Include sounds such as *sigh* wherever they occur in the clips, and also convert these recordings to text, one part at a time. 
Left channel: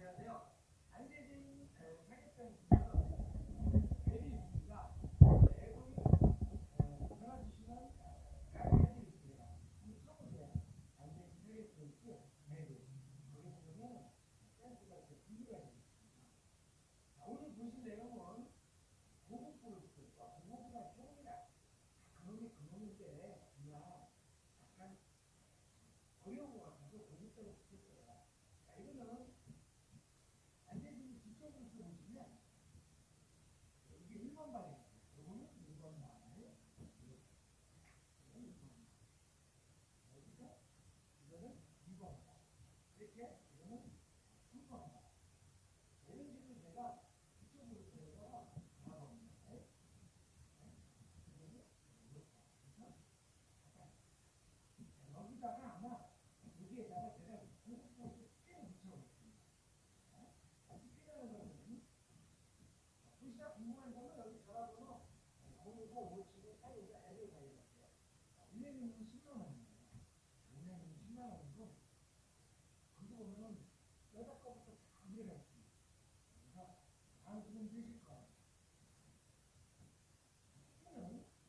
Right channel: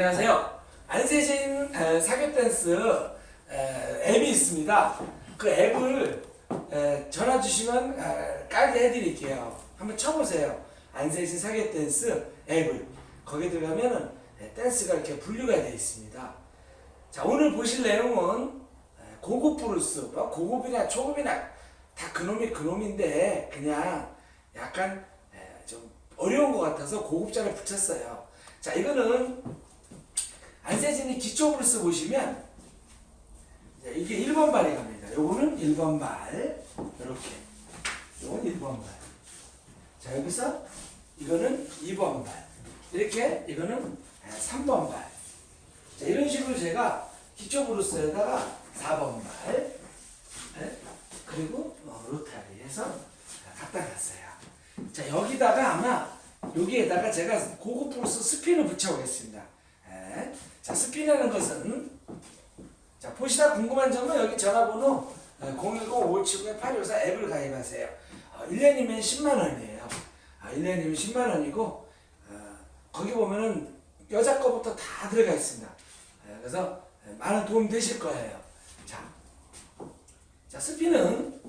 안녕하세요. 안세진 에, 사교 댄스 에, 앱이 있습니다. 그 앱을 에, 전화 주시면 에, 깔게 해드릴게요. 한번 쳐보세요. 안세진 사교 댄스 앱을 거기에 들어가면은 에, 댄스가 이렇게 분류가 되어 있습니다. 자 오늘 보실 내용은 에, 고급 브루스, 뭐 고급이나 초급이나 다 그놈이 그놈인데 그냥 약간 에, 좀 어려운 것 같아서 고급자를 붙였어요. 자 이거는 안세진이 기초 브루스 보시면 이게 1번 발이 갑니다. 요거는 1번 발 이렇게 요건 1번 발. 자 여기서 이거는 2번 발 이렇게 이거는 3번 발. 자 이런 식으로 제가 기초 브루스에다가 4번 발 네? 그리고 어, 로타리 해서 갖다 놨어요. 자 여기다가 아마 여기에다가 제가 고급 브루스 스핀을 붙여보겠습니다. 예. 자 스핀이라는 것은 자 보시다 궁금한 점은 여기 전화번호 010-579-854 앱을 가입하세요. 어, 1년이면 10만 원이에요. 아, 1년이면 10만 원이고 어, 거기 보면은 여자 거부터 다 들어가 있습니다. 예, 그래서 많은 도움 되실 거예요. 자, 자 스핀은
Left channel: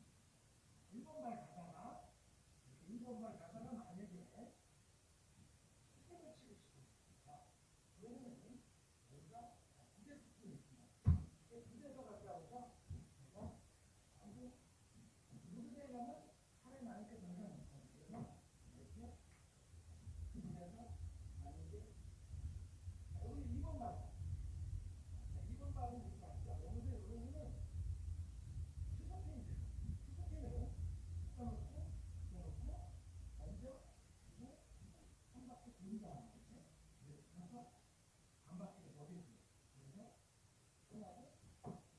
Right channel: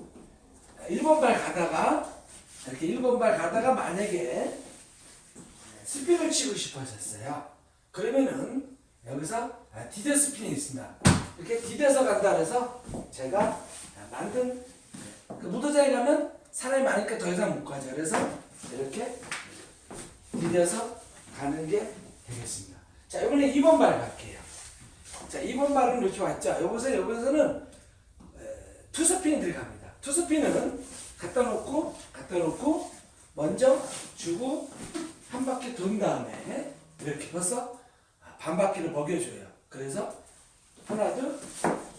1번 발 가다가 이렇게 1번 발 가다가 만약에 스핀을 치고 싶어졌어요. 그러면은 여기서 아, 디뎌 스핀이 있습니다. 이렇게 디뎌서 간다 그래서 제가 만든 그 무도장에 가면 사람이 많으니까 더 이상 못 가죠. 그래서 이렇게 디뎌서 가는 게 되겠습니다. 자, 이번에 2번 발 갈게요. 자, 2번 발은 이렇게 왔죠. 여기서 여기서는 투스핀이 들어갑니다. 투스핀은 갖다 놓고 갖다 놓고 먼저 주고 한 바퀴 돈 다음에 이렇게 벌써 반 바퀴를 먹여줘요. 그래서 하나 둘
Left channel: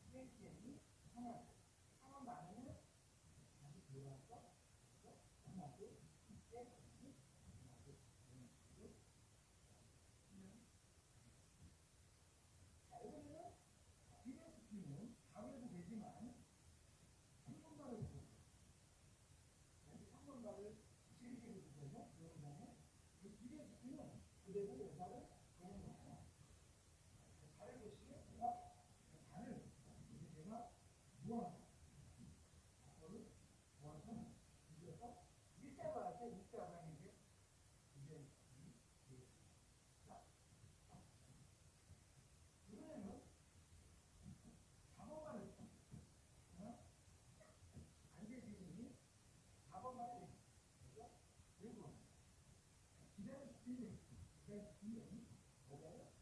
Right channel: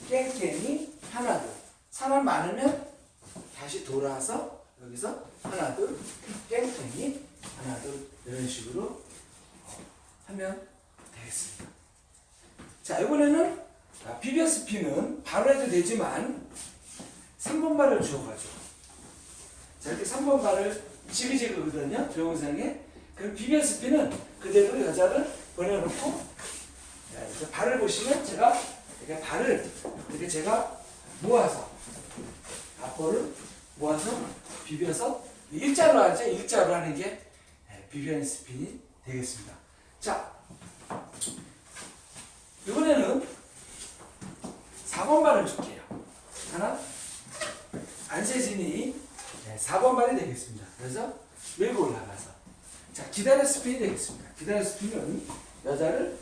깽깽이 하나 둘 사람 많으면 다시 돌아서 여기서 하나 둘 깽깽이 하나 둘 이런 식으로 하면 되겠습니다. 자 이번에는 아, 비벼 스피는 바로 해도 되지만 3번 발을 주어가지고 자 이렇게 3번 발을 지그재그거든요 동영상에 그럼 비벼 스피는 그대로 여자를 보내놓고 자, 이렇게 발을 보시면 제가 이렇게 발을 이렇게 제가 모아서 앞볼을 모아서 비벼서 일자로 하죠 일자로 하는 게 예, 비벼 스핀이 되겠습니다 자 이번에는 4번 발을 줄게요. 하나, 안세진이 네, 4번 발이 되겠습니다. 그래서 밀고 올라가서. 자, 기다려 스핀이 되겠습니다. 기다려 스핀은 여자를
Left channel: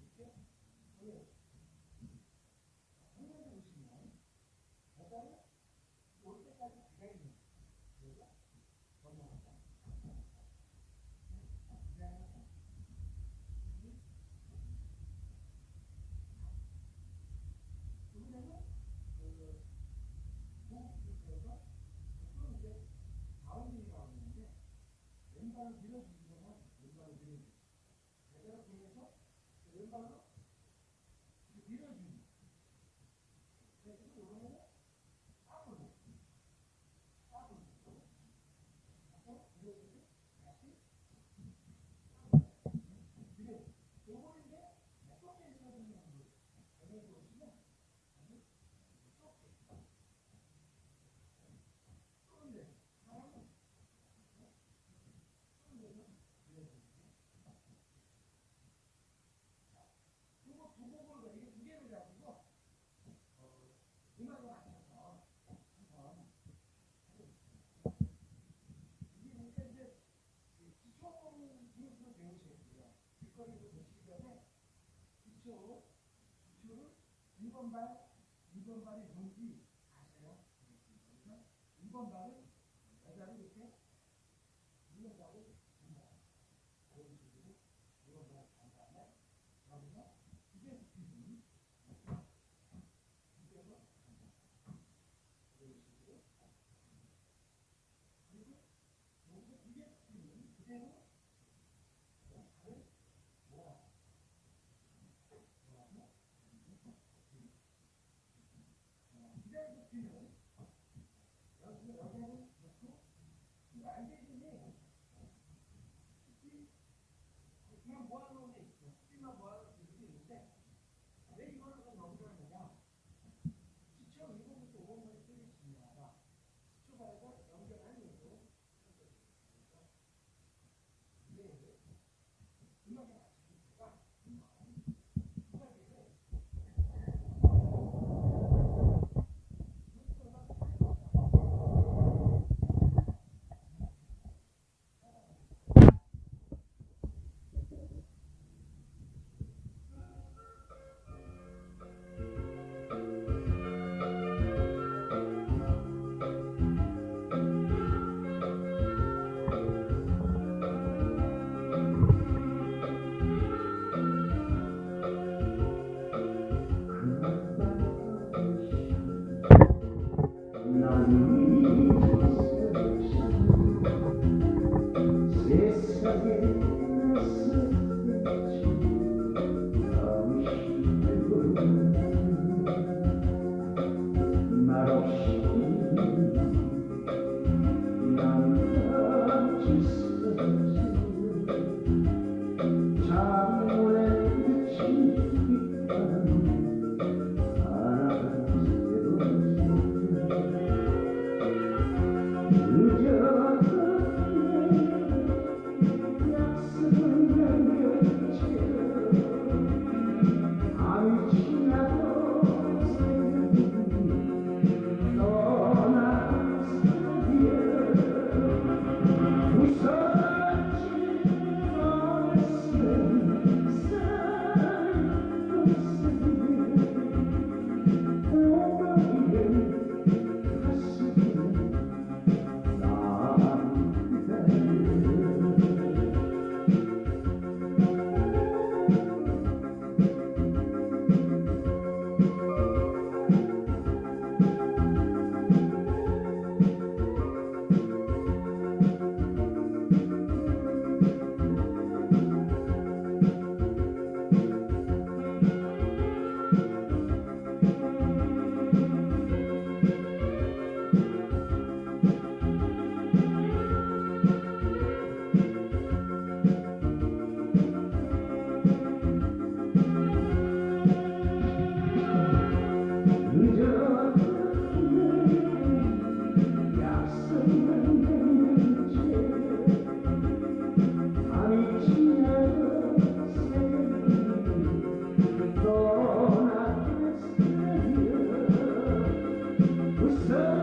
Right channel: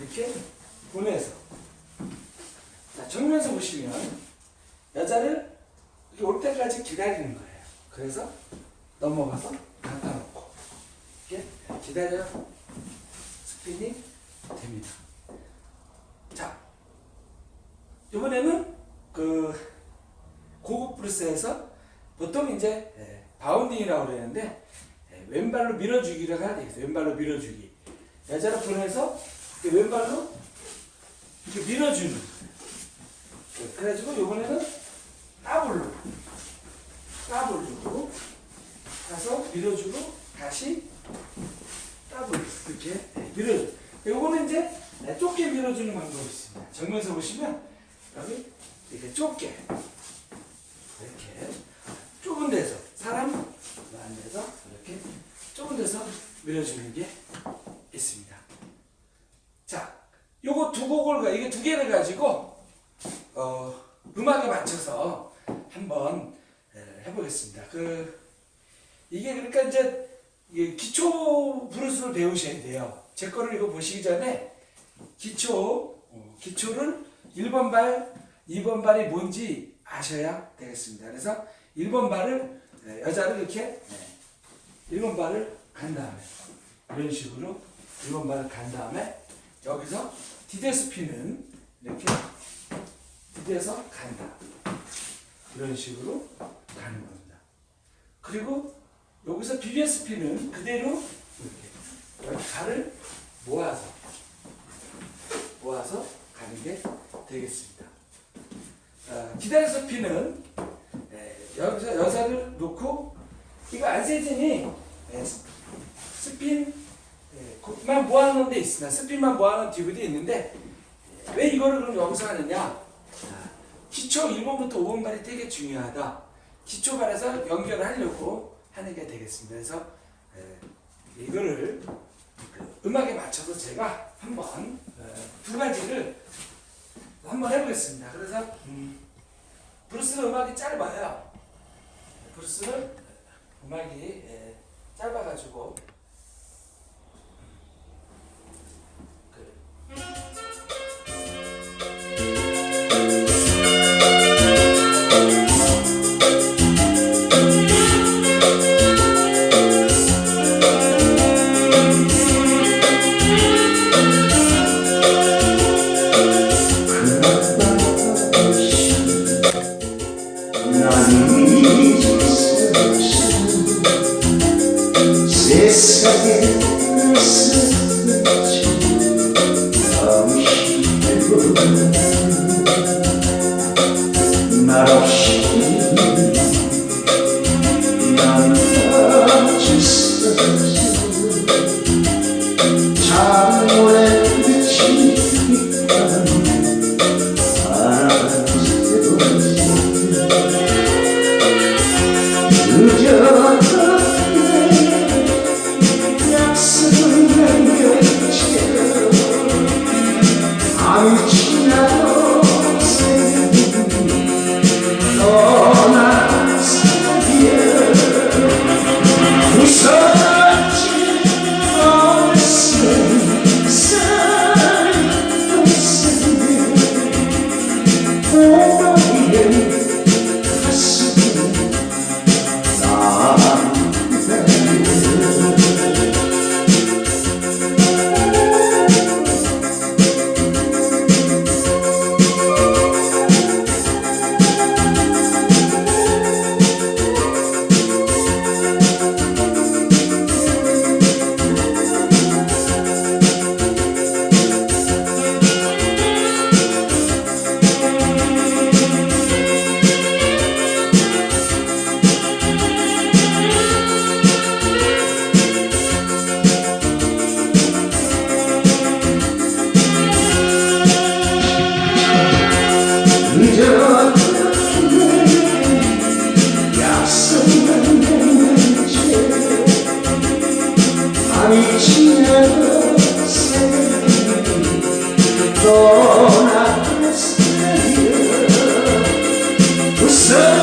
이렇게 보내서. 자, 정면에서 보시면 여자를 올 때까지 기다리는 거예요. 그래서 넘어가서 갖다 놓고. 이렇게 기다려 스핀이 됩니다. 자, 이번에는 그 고급 브루스에서 보통 이제 예, 바운딩이라고 그러는데 예, 왼발로 밀어주기를 해야 되겠어요. 왼발로 밀어주기. 여자를 보내서 왼발로 이렇게 밀어주는. 예, 그래가지고 이번에는 따블로 따블로 가서 밀어주고 다시 따블로 이렇게 예, 밀어줘. 요거는 이제 네, 좁게 밀어주는 방법이 있습니다. 정면에서 보시면 여기 이렇게 좁게 좁은 데서 사람 많은 데서 이렇게 좁은 데서 밀어주는 게 있습니다. 자, 요거 두 곡을 가 이게 두 개를 가지고 어, 음악에 맞춰서 한번 예, 해보겠습니다. 그 이게 그러니까 이제 기초 브루스를 배우셔야 돼요. 제 거를 이거 보시기 전에 기초, 어, 기초를 1번 발, 2번 발이 뭔지 아셔야 되겠습니다. 그래서 1번 발을, 네, 여자를 이렇게, 네, 1번 발을 간 다음에, 이런 식으로 1번 발을 간 다음에, 여기서 디데스피는 이렇게 디뎌서 간다. 이런 식으로 가는 겁니다. 그리고 여기서 비벼스피는 그대로 이렇게 발을 모아서 모아서 가는 게 되겠습니다. 어, 기다려서 피는 에, 여기서 여자를 놓고 이거 안세진이 에, 스- 스핀 에, 그만 모아놓은 데 있습니다. 스피만 모아놓은 DVD 있는데 왜 이거를 그럼 여기서 하느냐? 자, 기초 1번부터 5번발이 되게 중요하다. 기초발에서 연결을 하려고 하는 게 되겠습니다. 그래서 에, 이거를 그 음악에 맞춰서 제가 한번 에, 두 가지를 한번 해보겠습니다. 그래서 브루스는 음악이 짧아요. 브루스는 음악이 에, 짧아가지고 없 sun.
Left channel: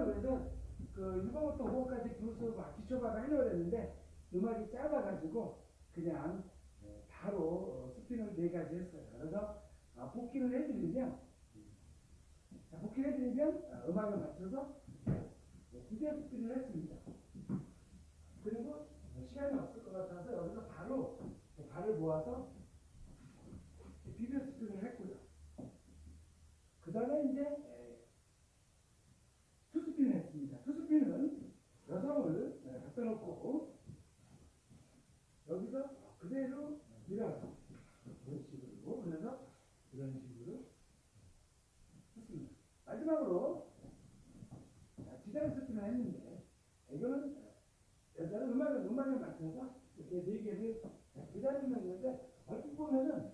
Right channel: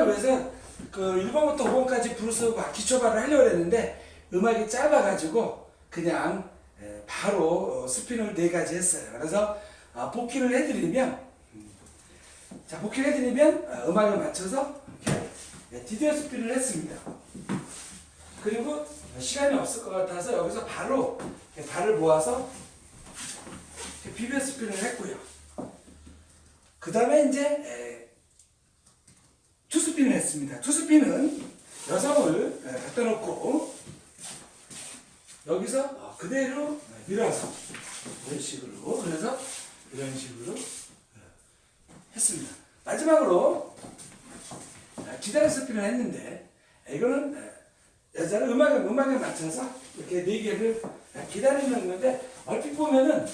좀 초보자를 위해서 그 1번부터 5번까지 브루스 기초발을 하려고 했는데 음악이 짧아가지고 그냥 에, 바로 어, 스피너를 네 가지 했어요. 그래서 아, 복귀를 해드리면 음, 자 복귀를 해드리면 아, 음악에 맞춰서 이렇게 네, 디디어 스피를 했습니다. 그리고 시간이 없을 것 같아서 여기서 바로 발을 모아서 비벼 스피를 했고요. 그 다음에 이제 에, 투스핀을 했습니다. 투스핀은 여성을 에, 갖다 놓고 여기서 어, 그대로 밀어서 이런 식으로 그래서 이런 식으로 에, 했습니다. 마지막으로 아, 기다려 스핀을 했는데 이거는 에, 여자는 음악에 음악에 맞춰서 이렇게 네 개를 기다리는 건데 얼핏 보면은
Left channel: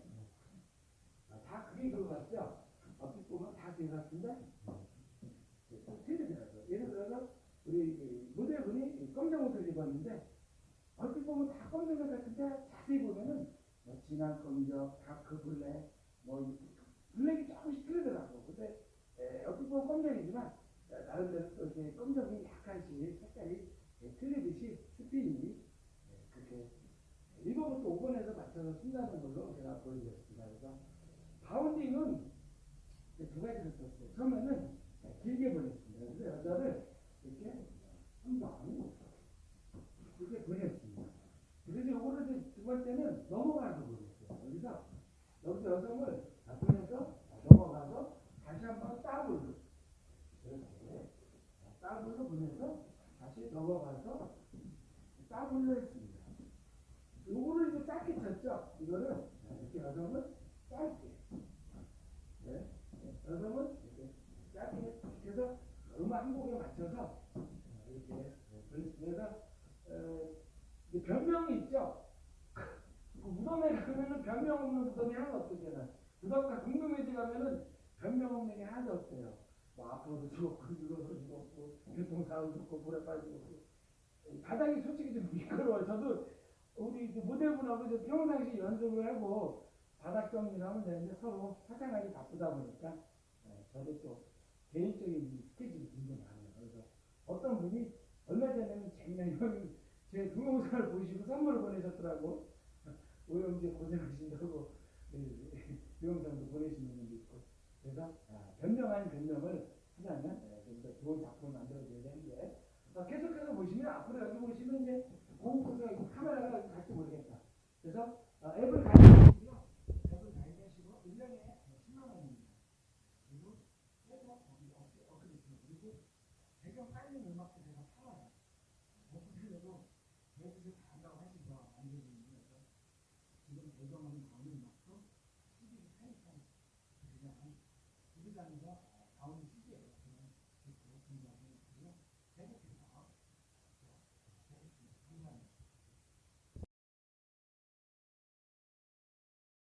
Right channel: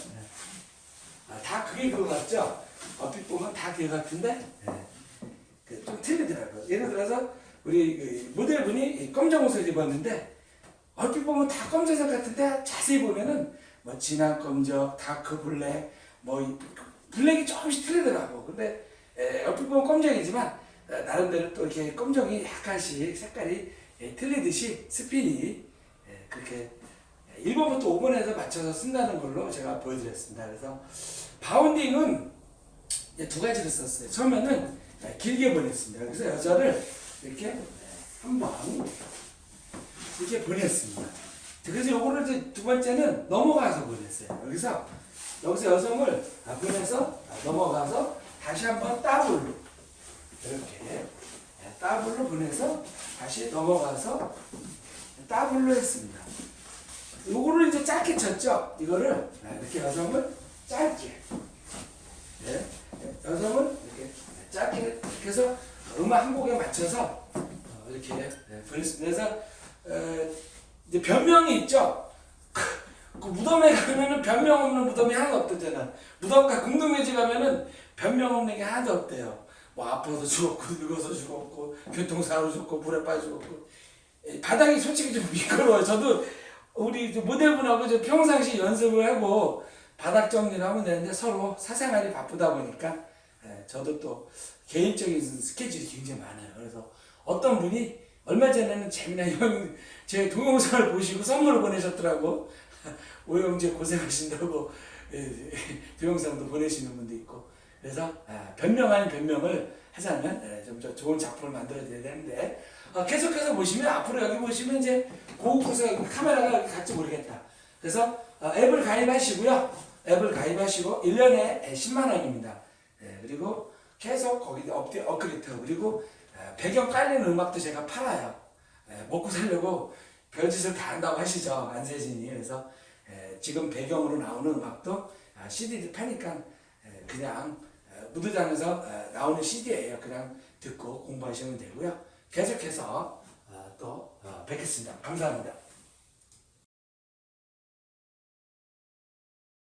아, 다 그게 그거 같죠? 얼핏 보면 다 그게 같은데 그 좀 틀리더라고요. 예를 들어서 우리 그 모델분이 검정 옷을 입었는데 얼핏 보면 다 검정색 같은데 자세히 보면은 뭐 진한 검정, 다크 블랙, 뭐 이- 블랙이 조금씩 틀리더라고. 근데 에, 얼핏 보면 검정이지만 에, 나름대로 또 이렇게 검정이 약간씩 색깔이 예, 틀리듯이 스핀이 예, 그렇게 1번부터 5번에서 맞춰서 쓴다는 걸로 제가 보여드렸습니다. 그래서 바운딩은 두 가지를 썼어요. 처음에는 길게 보냈습니다. 그래서 여자를 이렇게 한번 이렇게 보냈습니다. 그래서 요거를 이제 두 번째는 넘어가서 보냈어요. 여기서 여기서 여성을 아, 보내서 아, 넘어가서 다시 한번 더블로 이렇게 네, 더블로 보내서 다시 넘어가서 더블로 했습니다. 요거를 이제 짧게 쳤죠. 이거를 아, 이렇게 여성을 짧게 예, 여성은 이렇게 짧게 이렇게 해서 음악 한 곡에 맞춰서 어, 이렇게 예, 보냈습니다. 그래서 어, 이제 변명이 있죠. 그 무덤에 가면은 변명 없는 무덤이 하나도 없대잖아. 무덤가 궁동묘지 가면은 변명 없는 게 하나도 없대요. 뭐 아파서 죽었고 늙어서 죽었고 교통사고로 죽고 물에 빠져 죽었고 예, 바닥이 솔직히 좀 미끄러워요. 저도 우리 저 모델분하고 저 평상시 연습을 하고 바닥 정리를 하면 되는데 서로 사생활이 바쁘다 보니까 예, 저도 또 개인적인 스케줄이 굉장히 많아요. 그래서 어떤 분이 얼마 전에는 재미난 형, 제 동영상을 보시고 선물을 보내셨더라고. *laughs* 오영재 고생하신다고 예, 동영상도 보내시는 분도 있고. 그래서 아, 변명 아닌 변명을 하자면 예, 좀더 좋은 작품을 만들어야 되는데 어, 계속해서 보시면 앞으로 여기 보시면 이제 고급구성 카메라가 갈지 모르겠다. 그래서 어, 앱을 가입하시고요. 앱을 가입하시고 1년에 10만 원입니다. 예, 그리고 계속 거기 업데 업그레이드 그리고 에, 배경 깔리는 음악도 제가 팔아요. 에, 먹고 살려고 별짓을 다 한다고 하시죠 안세진이 그래서 에, 지금 배경으로 나오는 음악도 아, CD를 파니까 에, 그냥 에, 무드장에서 에, 나오는 CD예요. 그냥 듣고 공부하시면 되고요. 계속해서 어, 또 어, 뵙겠습니다. 감사합니다.